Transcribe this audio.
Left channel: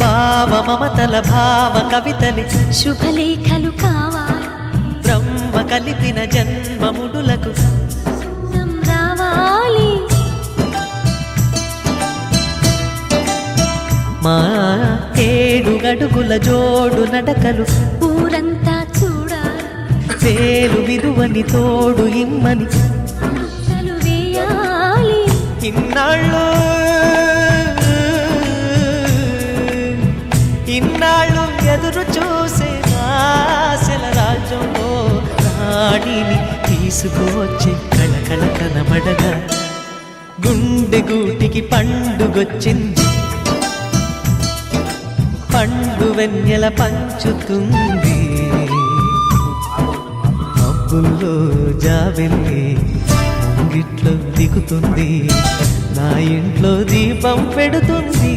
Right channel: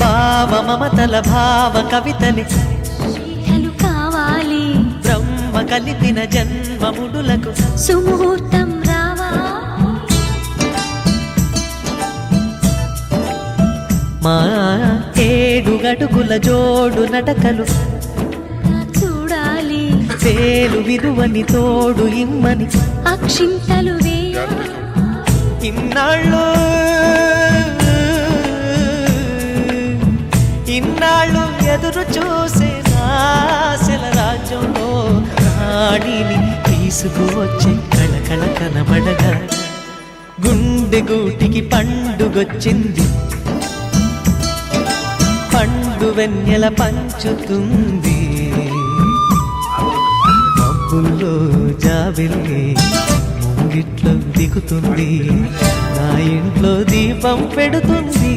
భావ మమతల భావ కవితలి శుభలేఖలు కావాలి, బ్రహ్మ కలిపిన జన్మముడులకు సుముహూర్తం రావాలి. మా 7 అడుగుల జోడు నడకలు ఊరంతా చూడాలి, వేలు విలువని తోడు ఇమ్మని అక్షింతలు వేయాలి. ఇన్నాళ్ళు ఎదురు చూసే ఆశల రాజ్యంలో రాణిని తీసుకువచ్చే కళకళ కనబడగా గుండె గూటికి పండుగొచ్చింది, పండు వెన్నెల పంచుతుంది. మబ్బుల్లో జాబిల్లి ముంగిట్లో దిగుతుంది, నా ఇంట్లో దీపం పెడుతుంది.